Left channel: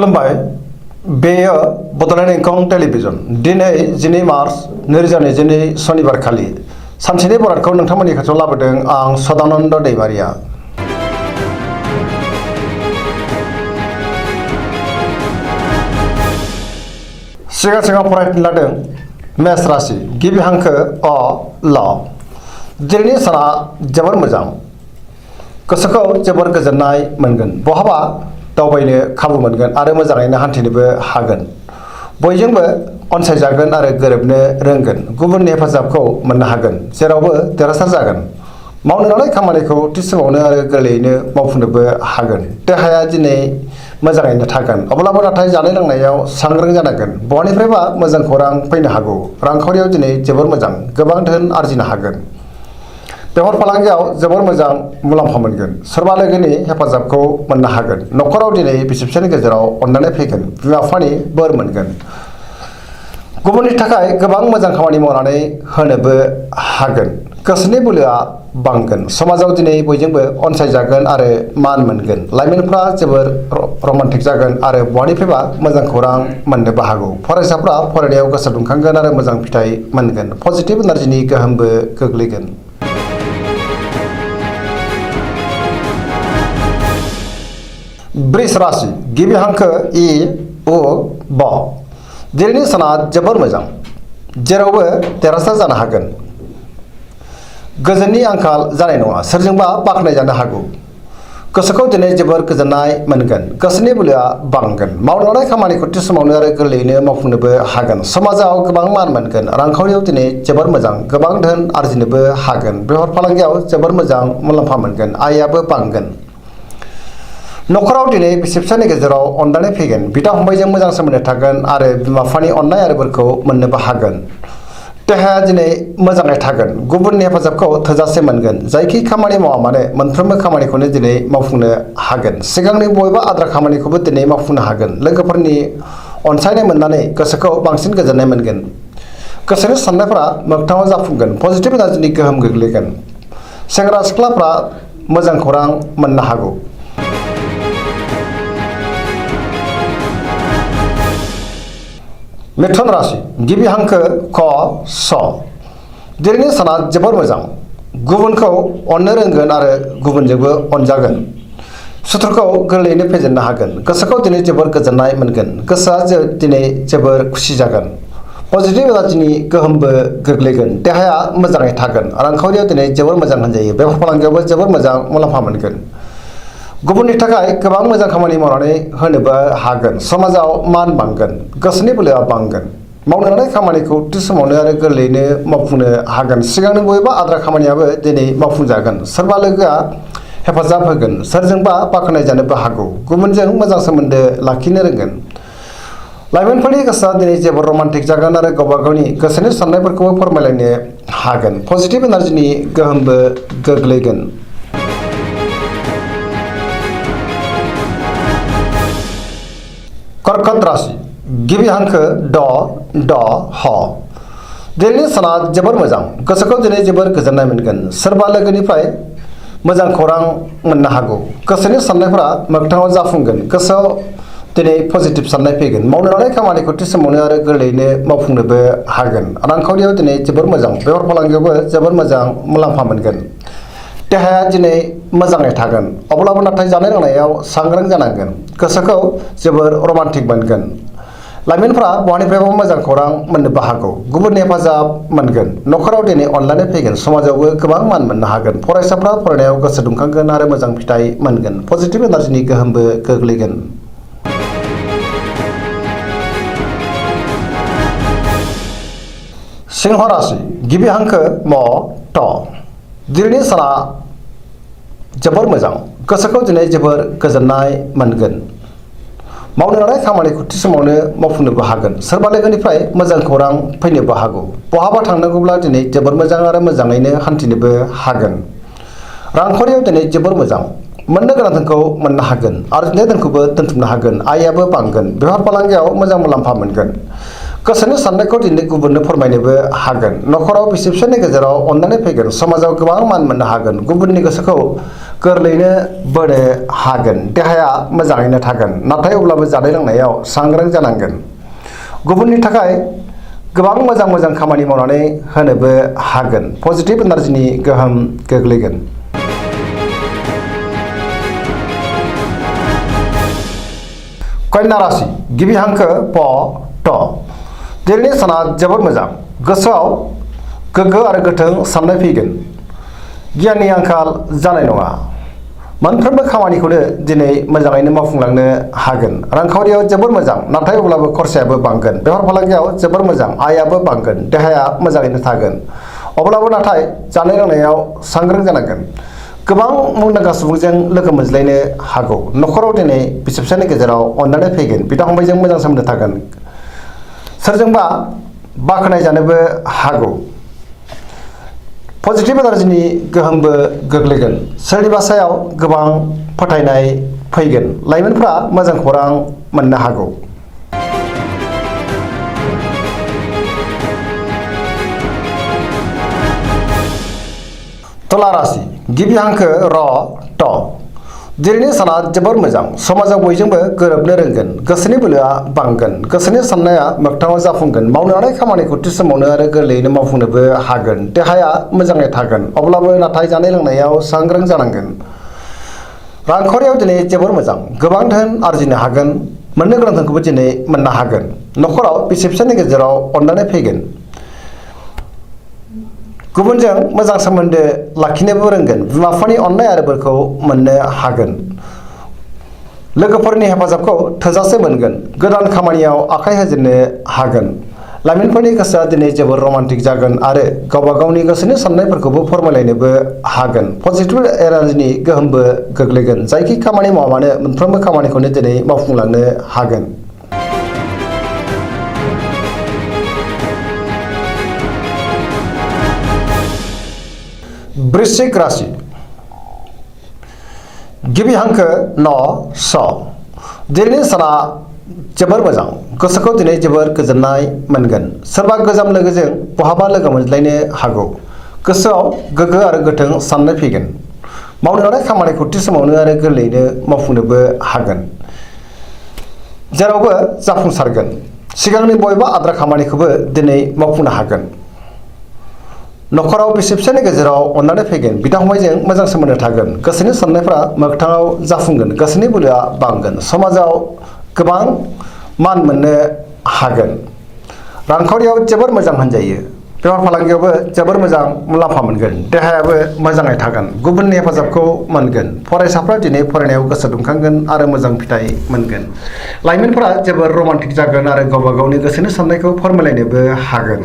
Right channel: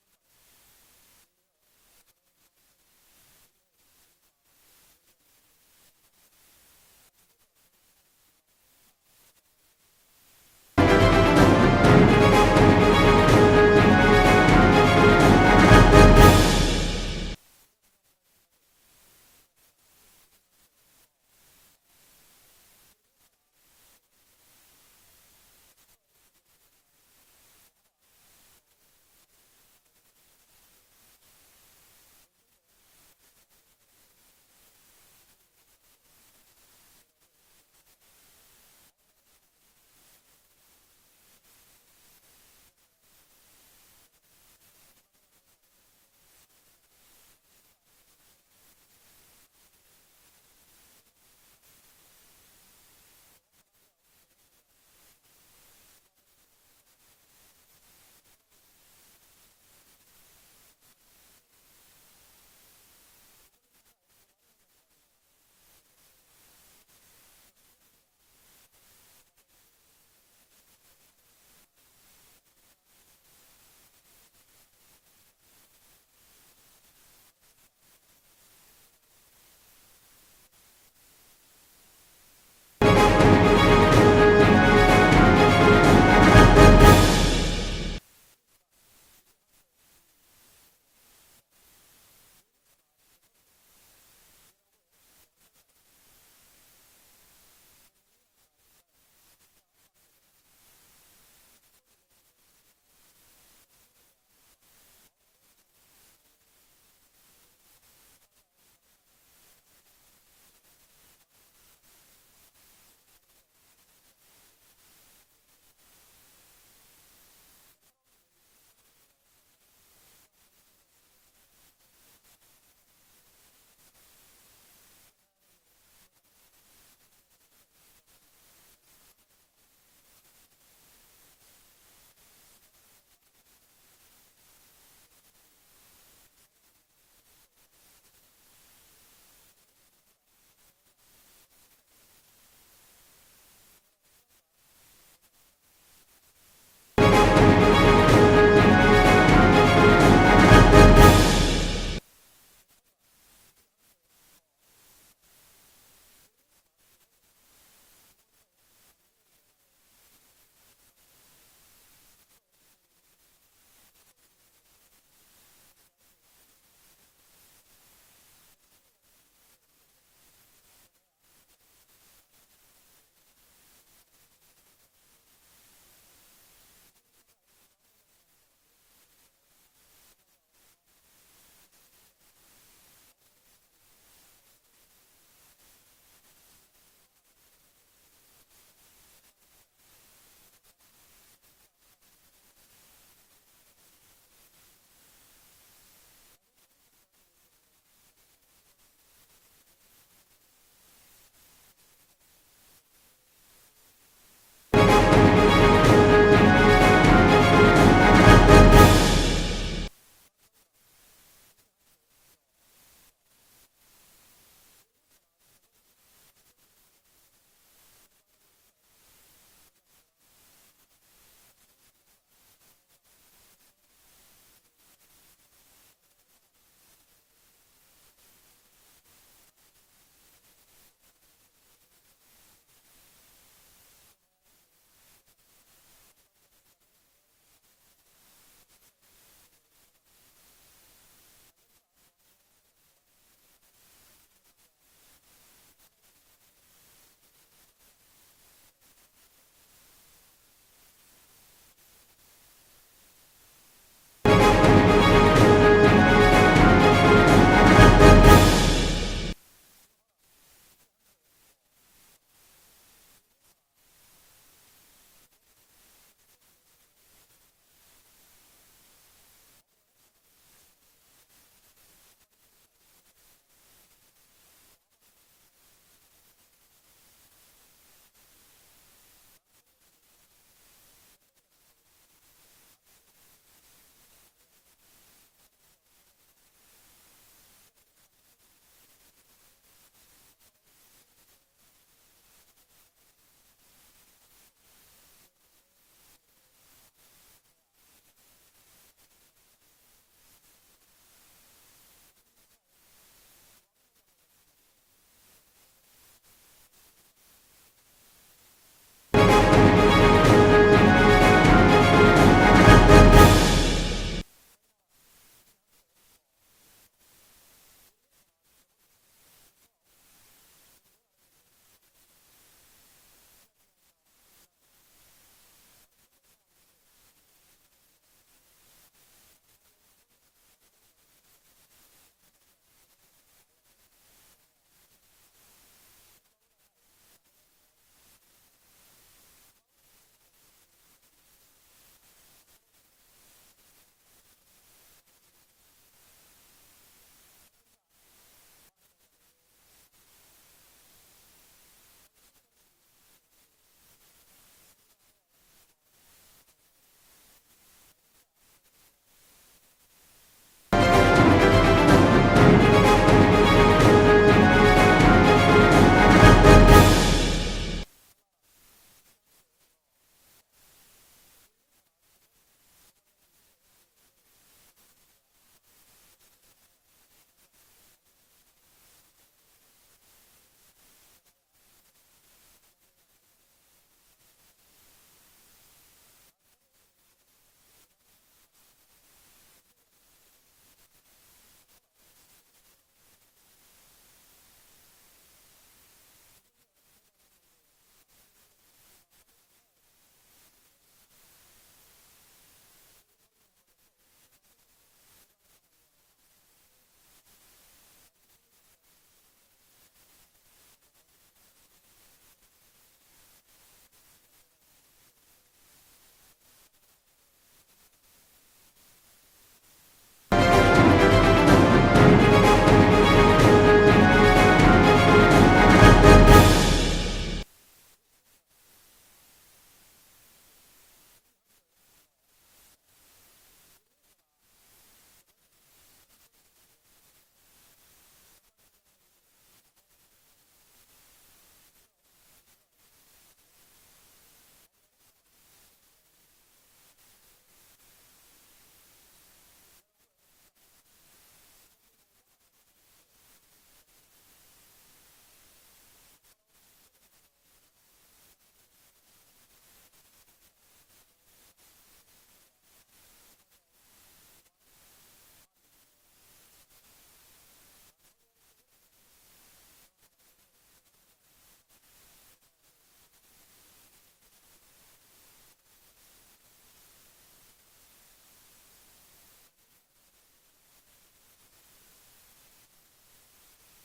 खुलुमबाय बेयो बड'लेण्ड इंखं टेलिभिजन दिनै 12 मार्च 2022 शनिबारखालि सानसेनि बरादखौ नोंथांमोननि खाथियाव लाबोदों आं सदानन्द दैमारिया। सिगां फरायफिन लादों मेष राशि गिबि हांखो अ ल। दिनैनि साना जोबोर मोजां, गोसोखौ जोबोर गोजोननाय मोनगोन, बहाबा दावबायनो खाबु मोनगोन आरो मोजाङैनो हान्थिनोबो हागोन। बयजोंबो अनसायजागोन आरो गोरोबनो रोंगोन, गुबुननि हेफाजाबखौ मोननो हागोन, जेरावबो देरहासार जागोन। मावनो लानाय खामानिखौ थि समावनो आरो गोरलैयैनो मावफुंनोबो हागोन। देहाया दिनै मोजाङैनो थागोन, अब्लाबो नाथाय जानाय लोंनायाव सांग्रां जानांगोन। बहानिफ्रायबा मोजां खौरां फैनो हागौ। रांखावरियाव दिनै जोबोर मोजां, गोबां धोन आरजिनो हागोन। बेफार फालांगियाव जोबोर मोजां मुलाम्फा मोनगोन, सोरबा लोगोनि हेफाजाबखौ मोननो हागोन। न'खराव दिनै बिसि फिसायनि गेजेराव अननाय फैगोन, बिमा बिफानि बोर मोनगोन। गुबुननि थाखाय गोबां मोजां खामानि मावनानै होनोबो हागोन। गोसोनि बोलोआ बांगोन, समाजाव दिनै बयजोंबो अनसायजागोन आरो मान मोनगोन। लाइमोनफ्रा जोबोर रमान्टिक जागोन आरो बहानिफ्रायबा मोजां खौरां मोननोबो हागौ। फरायसाफ्रा फरायनायाव गोसो दुंखांगोन आरो मोजां फिथाइ मोनगोन। पजिटिभ एनार्जिनि गोहोमबो गोग्लैगोन। वृष राशि गिबि हांखो इ उ ब। दिनैनि साना जोबोर मोजां, जेरावबो देरहासार जानो हागोन। गोजोननि आंखाल जानाय नङा, सोरजोंबा बाख्नायजानो हागौ। गोसोखौ दिनै जोबोर गोजोननाय मोनगोन, गोसोनि बोलोआ बांगोन। मावनो लानाय खामानिखौ थि समावनो आरो गोरलैयैनो मावफुंनोबो हागोन। समाजाव गोबां मान मोनगोन। रांखावरियाव दिनै जोबोर मोजां, गोबां धोन आरजिनोबो हागोन। बेफार फालांगियाव जोबोर मोजां मुलाम्फा मोनगोन, आयआबो बांगोन। न'खराव दिनै बिसि फिसायनि गेजेराव अनलायनाय फैगोन, बिदा फंबायजों मोजां सोमोन्दो थागोन आरो बिमा बिफानि अननाय आरो बोरखौ मोननोबो हागोन। देहाया दिनै मोजाङै थागोन, गुबुननि हेफाजाबखौ थोजासे मोनगोन। जायखि खामानि मावा मानो मोनफ्रोमबो खामानिखौनो दिनै मावफुंनो हागोन। सिगांनि बबेबा आद्रा खामानिखौबो दिनै मावफुंनो हागोन। लोगोफोरनि अनसायनाय मोननानै गोसोखौ बांसिन गोजोननाय मोनगोन। गोसोनि साननायफोरा मोगथाङाव जाफुंगोन, पजिटिभ एनार्जिनि गोहोम गोग्लैगोन। सेंग्रा सिख्लाफ्रा मोजां खौरां मोननो हागौ। मिथुन राशि गिबि हांखो क स। दिनैनि साना जोबोर मोजां, गुबुनखौ अननो रोंगोन आरो गुबुनजोंबो अनजागोन। सुथुरखौ गोरलैयैनो फेजेननो हागोन। गोसोखौ दिनै जोबोर गोजोननाय मोनगोन, गोसोआ दिनै जोबोर खुसि जागोन। पजिटिभ एनार्जिनि गोहोमबो गोग्लैगोन। देहाया मोजाङै थागोन। रांखावरियाव दिनै जोबोर मोजां होनजायो। बेफार फालांगियावबो जोबोर मोजां मुलाम्फा मोनगोन। गुबुननि थाखाय गोबां मोजां खामानि मावनानै होनोबो हागोन। समाजाव मान बांगोन, गोसोनि बोलोआ बांगोन। मावनो लानाय खामानिखौ थि समावनो आरो गोरलैयैनो मावफुंनो हागोन। सिगांनि बबेबा आद्रा खामानियाबो दिनै मावफुंजागोन। सोरबा लोगोआ हेफाजाब होगोन, सोरजोंबा बाख्नायजानोबो हागौ। गुबुनजों मोजां सोमोन्दो लाखिनो रोंगोन। लाइमोनफोरनि गोसोआ दिनै जोबोर रमान्टिक जागोन आरो गावबा गावनि गोसोनि साननायफोरखौबो फोरमायलायनो हागोन। पजिटिभ एनार्जिनि गोहोमबो गोग्लैगोन। कर्कट राशि गिबि हांखो ड ह। दिनैनि साना जोबोर मोजां, गोसोखौ दिनै जोबोर गोजोननाय मोनगोन। सोरबा लोगोनिफ्राय मोजां खौरां मोननो हागौ। गोसोनि साननायफोरा मोगथाङाव जाफुंगोन। गोसोआव दिनै पजिटिभ साननाय फैगोन। मावनो लानाय खामानिखौ थि समावनो आरो गोरलैयैनो मावफुंनोबो हागोन। रांखावरियाव दिनै जोबोर मोजां, बेफार फालांगियावबो जोबोर मोजां मुलाम्फा मोनगोन। देहाया दिनै मोजाङै थागोन, अब्लाबो नाथाय जानाय लोंनायाव सांग्रां जानांगोन। गोसोखौ जोबोर रमान्टिक मोनगोन। लाइमोनफ्रा बहानिफ्रायबा मोजां खौरां मोननोबो हागौ। गुबुननि हेफाजाब मोनगोन। न'खराव दिनै अनलायनाय फैगोन। समाजावबो गोबां मान मोननो हागोन। फरायसाफ्रा फरायनायाव गोसो दुंखांगोन आरो मोजां फिथाइ मोनगोन। पजिटिभ एनार्जिनि गोहोमबो गोग्लैगोन। सिंह राशि गिबि हांखो म ट। दिनैनि साना जोबोर मोजां, गोसोखौ दिनै जोबोर गोजोननाय मोनगोन। मावनो लानाय खामानिखौ थि समावनो मावफुंनोबो हागोन। सोरबा लोगोनिफ्राय मोजां खौरां फैनोबो हागौ। बहाबा थांनांगौब्ला दिनै जोबोर मोजां आरो मोजाङैनो हान्थिनोबो हागोन। रांखावरियाव दिनै जोबोर मोजां, मोननो गोनां धोनखौ मोननो हागोन। आरजिनाय धोनखौबो दोनथुमनो हागोन। आयआबो बांगोन। बेफार फालांगियाव मोजां मुलाम्फा मोनगोन। गोसोनि साननायखौ दिनै गुबुननो फोरमायनोबो हागोन। न'खराव बिसि फिसायनि गेजेराव अननानै फैगोन। समाजाव गोबां मान मोननो हागोन। गुबुननि गोसोखौ गोरलैयैनो बोनो हागोन। देहाया मोजाङैनो थागोन, नाथाय अब्लाबो जानाय लोंनायाव सांग्रां जानांगोन। गुबुननि थाखाय गोबां मोजां खामानि मावनानै होनोबो हागोन। पजिटिभ एनार्जिनि गोहोम गोग्लैगोन। कन्या राशि गिबि हांखो प ट। दिनैनि साना जोबोद मोजां। गोसोआव गोग्गो आरो गोथों साननाय फैगोन। गियाननि आंखाल जानाय नङा। मोनफ्रोमबो खामानिखौनो दिनै मोजाङैनो मावफुंलांनो हागोन। रांखावरियाव जोबोर मोजां, नाथाय अब्लाबो खरसायाबो बांगोन। बेफार फालांगियाव जोबोर मोजां, आयाबो बांगोन। देहाया मोजाङैनो थागोन, अब्लाबो नाथाय जानाय लोंनायाव सांग्रां जानांगोन। गोबां मुंदांखा सुबुंजों लोगो मोनज्लायनो हागौ। न'खराव दिनै बिसि फिसायनि गेजेराव अननानै फैगोन। बिदा फंबायजों मोजां सोमोन्दो थागोन। सोरजोंबा बाख्नाय जानोबो हागौ। पजिटिभ एनार्जिनि गोहोमबो गोग्लैगोन। सोरनिबा सायाव गोबां फोथायनाय फैगोन। लाइमोनफ्रा मोजां खौरां मोननो हागौ। तुला राशि गिबि हांखो र ट। दिनैनि साना जोबोर मोजां। समाजाव बयजोंबो गोरोबनो रोंगोन। गोसोनि बोलोआ बांगोन। गोसोनि साननाया मोगथाङाव जाफुंगोन। मावनो हानाय खामानिखौ थि समावनो आरो गोरलैयैनो मावफुंनोबो हागोन। देहाया मोजाङै थागोन, अब्लाबो नाथाय जानाय लोंनायाव सांग्रां जानांगोन। रांखावरियाव दिनै जोबोर मोजां। गोबां धोन आरजिनो हागोन। मोननो गोनां धोनखौबो दिनै मोननो हागोन। न'खराव बिसि फिसायनि गेजेराव अननानै फैगोन। गुबुनजों मोजां सोमोन्दो लाखिनोबो रोंगोन। बिमा बिफानि अननाय आरो बोरखौ मोननो हागोन। लोगोफोरनि हेफाजाबखौ थोजासे मोनगोन। गोदान खामानियाव आखाइ होजेननो हागोन। लाइमोनफोरनि गोसोआ दिनै जोबोर रमान्टिक जागोन आरो गावबा गावनि गोसोनि साननायफोरखौबो फोरमायलायनोबो हागोन। पजिटिभ एनार्जिनि गोहोमबो गोग्लैगोन। जायखि खामानि मावा मानो मोनफ्रोमबो खामानिखौनो दिनै मावफुंलांनो हागोन। वृश्चिक राशि गिबि हांखो न स। दिनैनि साना जोबोर मोजां। गोसोखौ दिनै जोबोर गोजोननाय मोनगोन। सोरबा गोजाम लोगोजों बहाबा लोगो मोनज्लायनो हागौ। गोसोआव गोग्गो आरो गोथों साननाय फैगोन। मावनो हानाय खामानिखौ थि समावनो आरो गोरलैयैनो मावफुंनोबो हागोन। जेरावबो जाफुंसारगोन। सिगांनि बबेबा आद्रा खामानिखौबो दिनै मावफुंनो हागोन। न'खराव बिसि फिसायनि गेजेराव अननानै फैगोन। बिदा फंबायजों मोजां सोमोन्दो थागोन। गोसोनि साननायफ्रा मोगथाङाव जाफुंगोन। गोसोनि बोलोआ बांगोन। समाजाव गोबां मान मोननो हागोन। रांखावरियाव जोबोर मोजां होनजायो। बेफार फालांगियावबो जोबोर मोजां मुलाम्फा मोनगोन। देहायाबो मोजाङै थागोन। गुबुननि हेफाजाबखौ मोनगोन। फरायसाफ्रा दिनै फरायनायाव गोसो दुंखांगोन आरो मोजां फिथाइ मोनगोन। लाइमोनफोरा जोबोर रमान्टिक जागोन आरो गावबा गावनि गोसोनि साननायखौ फोरमायलायनोबो हागोन।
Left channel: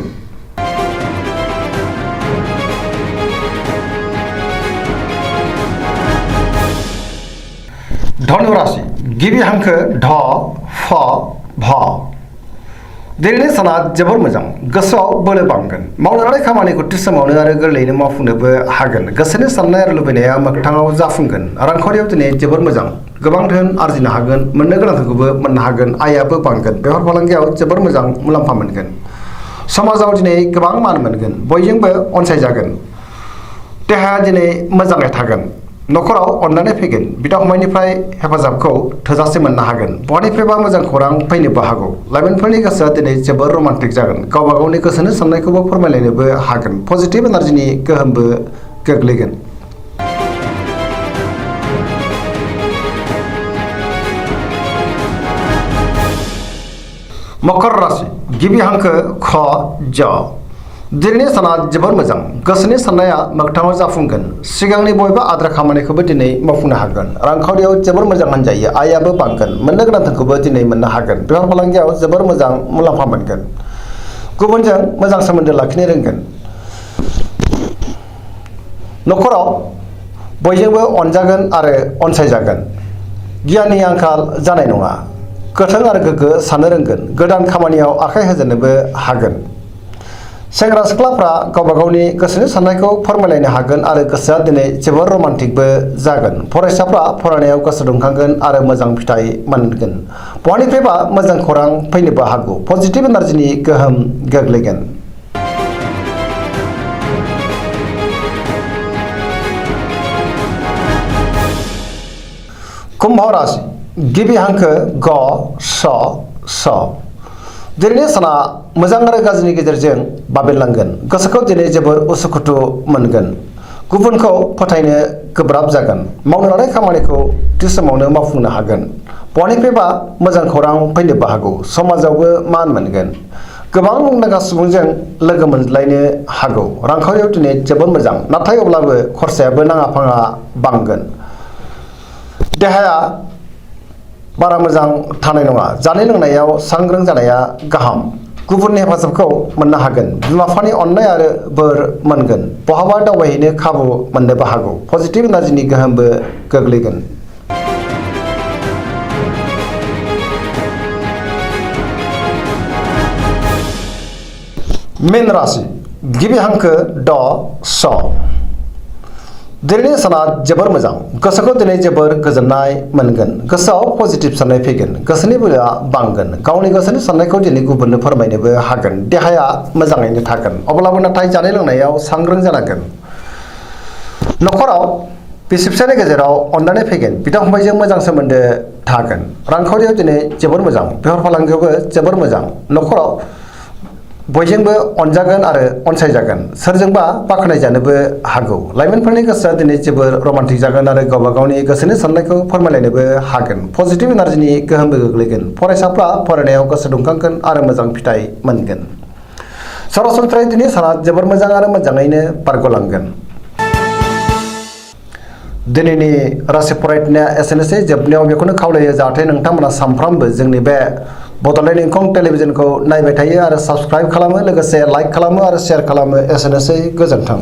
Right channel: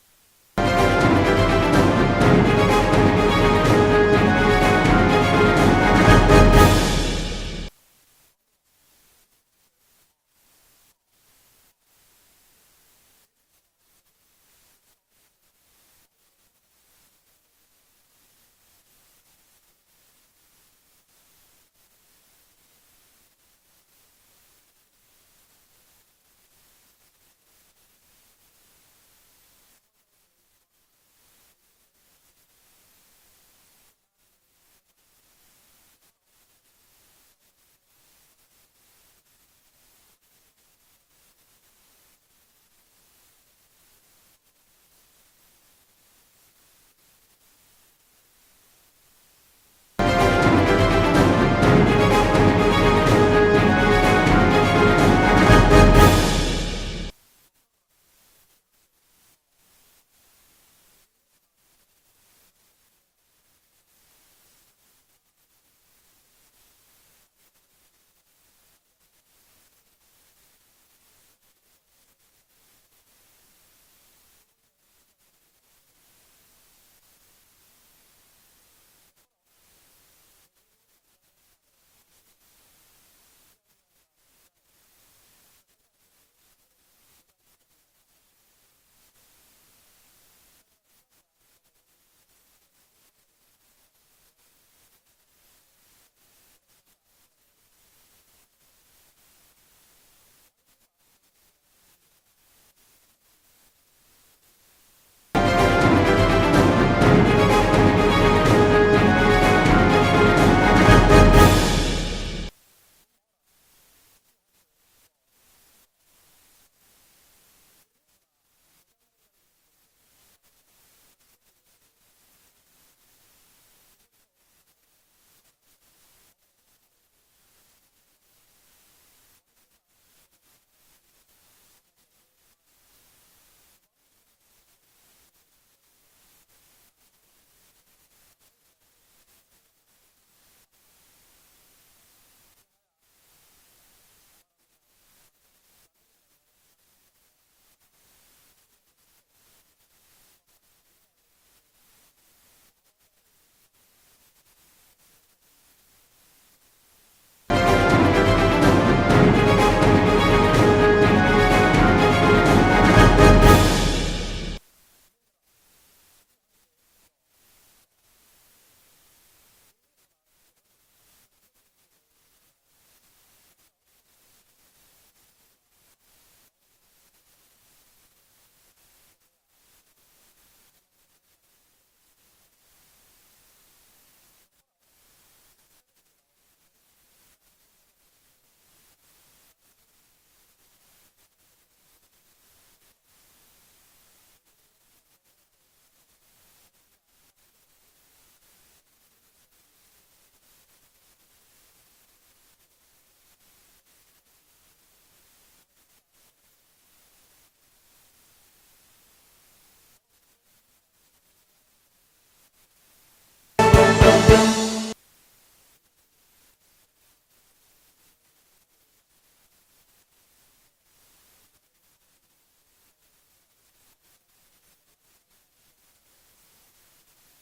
धनु राशि गिबि हांखो ढ फ भ। दिनैनि साना जोबोर मोजां। गोसोआव बोलो बांगोन। मावनो हानाय खामानिखौ थि समावनो आरो गोरलैयैनो मावफुंनोबो हागोन। गोसोनि साननाय आरो लुबैनाया मोगथाङाव जाफुंगोन। रांखावरियाव दिनै जोबोर मोजां। गोबां धोन आरजिनो हागोन। मोननो गोनां धोनखौबो मोननो हागोन। आयाबो बांगोन। बेफार फालांगियाव जोबोर मोजां मुलाम्फा मोनगोन। समाजाव दिनै गोबां मान मोनगोन। बयजोंबो अनसायजागोन। देहाया दिनै मोजाङै थागोन। न'खराव अननानै फैगोन। बिदा फंबायनिफ्राय हेफाजाबखौ थोजासे मोननो हागोन। बहानिफ्रायबा मोजां खौरां फैनोबो हागौ। लाइमोनफोरनि गोसोआ दिनै जोबोर रमान्टिक जागोन। गावबा गावनि गोसोनि साननायखौबो फोरमायलायनोबो हागोन। पजिटिभ एनार्जिनि गोहोमबो गोग्लैगोन। मकर राशि गिबि हांखो ख ज। दिनैनि साना जोबोर मोजां। गोसोनि साननाया मोगथाङाव जाफुंगोन। सिगांनि बबेबा आद्रा खामानिखौबो दिनै मावफुंनो हागोन। रांखावरियाव जोबोर मोजां होनजायो। आयाबो बांगोन। मोननो गोनां धोनखौबो दिनै मोननो हागोन। बेफार फालांगियाव जोबोर मोजां मुलाम्फा मोनगोन। गुबुनजों मोजां सोमोन्दो लाखिनो रोंगोन। न'खराव बयजोंबो अनजागोन आरो अनसायजागोन। गियाननि आंखाल जानाय नङा। गोथों आरो गोग्गो साननो रोंगोन। गोदान खामानियाव आखाइ होजेननोबो हागोन। सेंग्रा सिख्लाफ्रा गावबा गावनि गोसोनि साननायखौ फोरमायलायनो हागोन आरो गोसोआ दिनै जोबोर रमान्टिकबो जागोन। फरायसाफ्रा फरायनायाव गोसो दुंखांगोन आरो मोजां फिथाइ मोनगोन। बहानिफ्रायबा मोजां खौरां फैनोबो हागौ। पजिटिभ एनार्जिनि गोहोम गोग्लैगोन। कुम्भ राशि गिबि हांखो ग स दिनैनि साना मोजां आरो गाज्रिनि गेजेरजों बाबेनलांगोन। गोसोखौ दिनै जोबोर उसुखुथु मोनगोन। गुबुनखौ फोथायनो गोब्राब जागोन। मावनो लानाय खामानिखौ थि समावनो मावफुंनो हागोन। बहानिफ्रायबा मोजां खौरां फैनोबो हागौ। समाजावबो मान मोनगोन। गोबां मुंदांखा सुबुंजों लोगो मोनज्लायनो हागौ। रांखावरियाव दिनै जोबोर मोजां, नाथाय अब्लाबो खरसायाबो नाङा फाङा बांगोन। देहाया बारा मोजां थानाय नङा। जानाय लोंनायाव सांग्रां जानाया गाहाम। गुबुननि हेफाजाबखौ मोननो हागोन। बिमा बिफानि अननाय आरो बोर मोनगोन। बहाबा दावबायहैनो खाबु मोननोबो हागौ। पजिटिभ एनार्जिनि गोहोमबो गोग्लैगोन। मीन राशि गिबि हांखो ड स दिनैनि साना जोबोर मोजां। गोसोखौ दिनै जोबोर गोजोननाय मोनगोन। गोसोआव पजिटिभ साननाय फैगोन। गोसोनि बोलोआ बांगोन। गावनि गोसोनि साननायखौ दिनै गुबुननो फोरमायनोबो हागोन। देहाया मोजाङैनो थागोन, अब्लाबो नाथाय जानाय लोंनायाव सांग्रां जानांगोन। न'खराव बिसि फिसायनि गेजेराव अनलायनाय फैगोन। बिदा फंबायजों मोजां सोमोन्दो थागोन। रांखावरियाव दिनै जोबोर मोजां। बेफार फालांगियावबो जोबोर मोजां। न'खराव बयजोंबो अनजागोन आरो अनसायजागोन। सोरजोंबा बाख्नायजानोबो हागौ। लाइमोनफोरनि गोसोआ दिनै जोबोर रमान्टिक जागोन आरो गावबा गावनि गोसोनि साननायखौ फोरमायलायनोबो हागोन। पजिटिभ एनार्जिनि गोहोमबो गोग्लैगोन। फरायसाफ्रा फरायनायाव गोसो दुंखांगोन आरो मोजां फिथाइ मोनगोन। सरासनस्रायै दिनै साना जोबोर मोजां आरो मोजाङैनो बारग'लांगोन। दिनैनि राशि फरायनाया एसेनोसै। जोबनायाव बेखौनो खावलायो जाहाथे नोंथांमोना सानफ्रामबो जोंनि बे बड'लेण्ड इंखं टेलिभिजनखौ नायबाय थायो आरो साबस्क्राइब खालामो, लोगोसे लाइक खालामो आरो शेयार खालामो। एसेनोसै, गोजोन्थों।